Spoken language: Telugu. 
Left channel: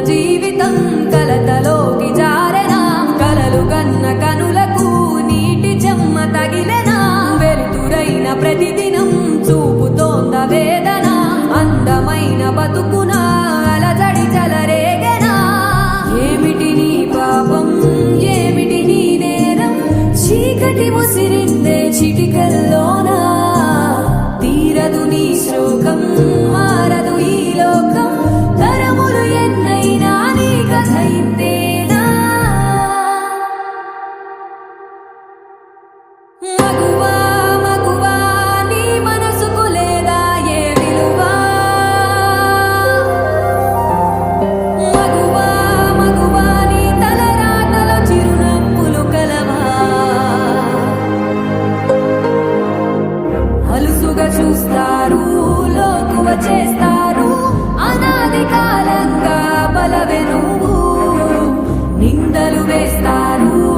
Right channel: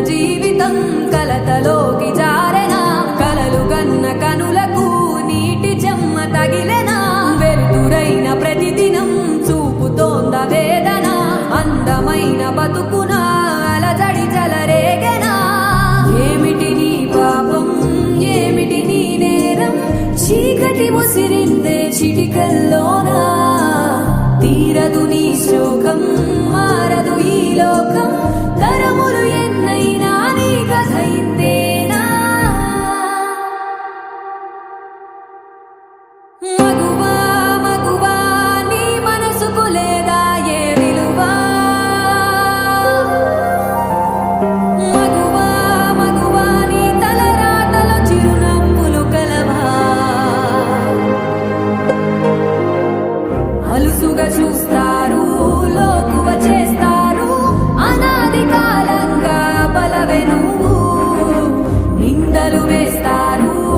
జీవితం కలతలోకి జారెనా. కలలు గన్న కనులకు నీటి చెమ్మ తగిలెనా. వెలుతురైన ప్రతిదినం చూపుతోంద వేదన. అందమైన బతుకున అలజడి చలరేగెనా. ఏమిటి నీ పాపం? ఏమిటి నీ నేరం? చీకటి ముసిరిందే చిటికల్లోనా. తీరదు నీ శోకం మారదు ఈ లోకం. చూస్తారు లోకువ చేస్తారు అనాది కాలంగా బలవే నిందలు వేస్తారు.